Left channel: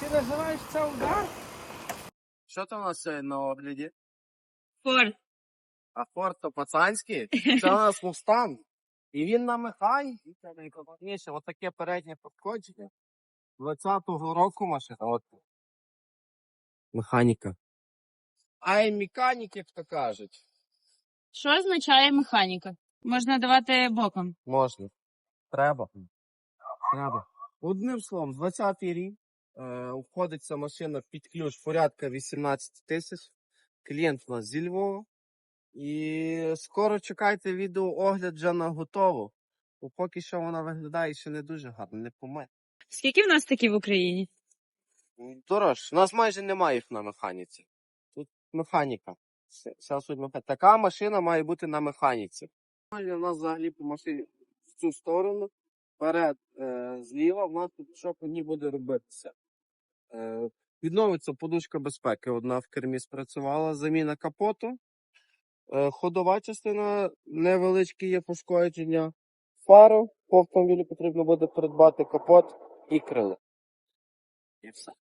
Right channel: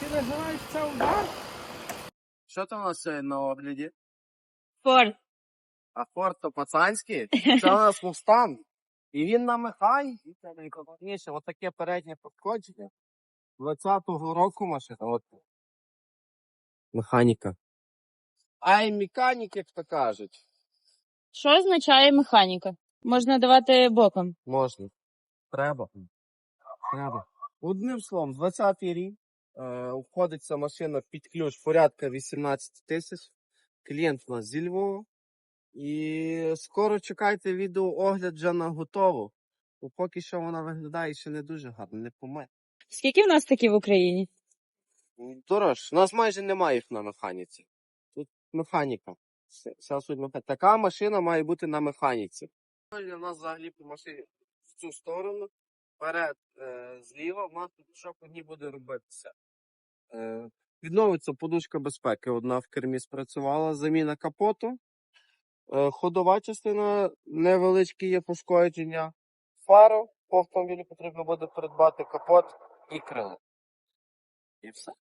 Ти називаєш це удар? Що там у нас сьогодні на огляді? Форд. А Форд то пацанський? Це у нас Мустанг. І він на механіці. Це найголовніше. Отаке переднє пошкодження. 20-го року машина. От. Механіка. А й механік, як то кажуть. Що означає механіка? Можна давати боком. Можна. Треба. Треба. Одним словом, 20-й рік. Е, входить ця машина під ключ порядка 18 тисяч. Клієнт у нас зі Львова. І скоро чекайте відеоогляд вже на готову. Бо поки що вона виглядає ще не дуже гарно, не помить. Скільки в нас такі в Україні? Дорож, у нас майже немає їх на механіці. Тут механіка. Вся суть механіка. Така машина має бути на механіці. У нас взагалі по машині в цю сторону, вперед, е, зліва, в нас тут що по ній буде робитися. Е, відновиться подушка безпеки. Одна в кермі спрацювала, заміна капоту. Е, ходова частина невеличкі є пошкодження. Фару по автомобілю потрібно буде придбати капот і крило. І все.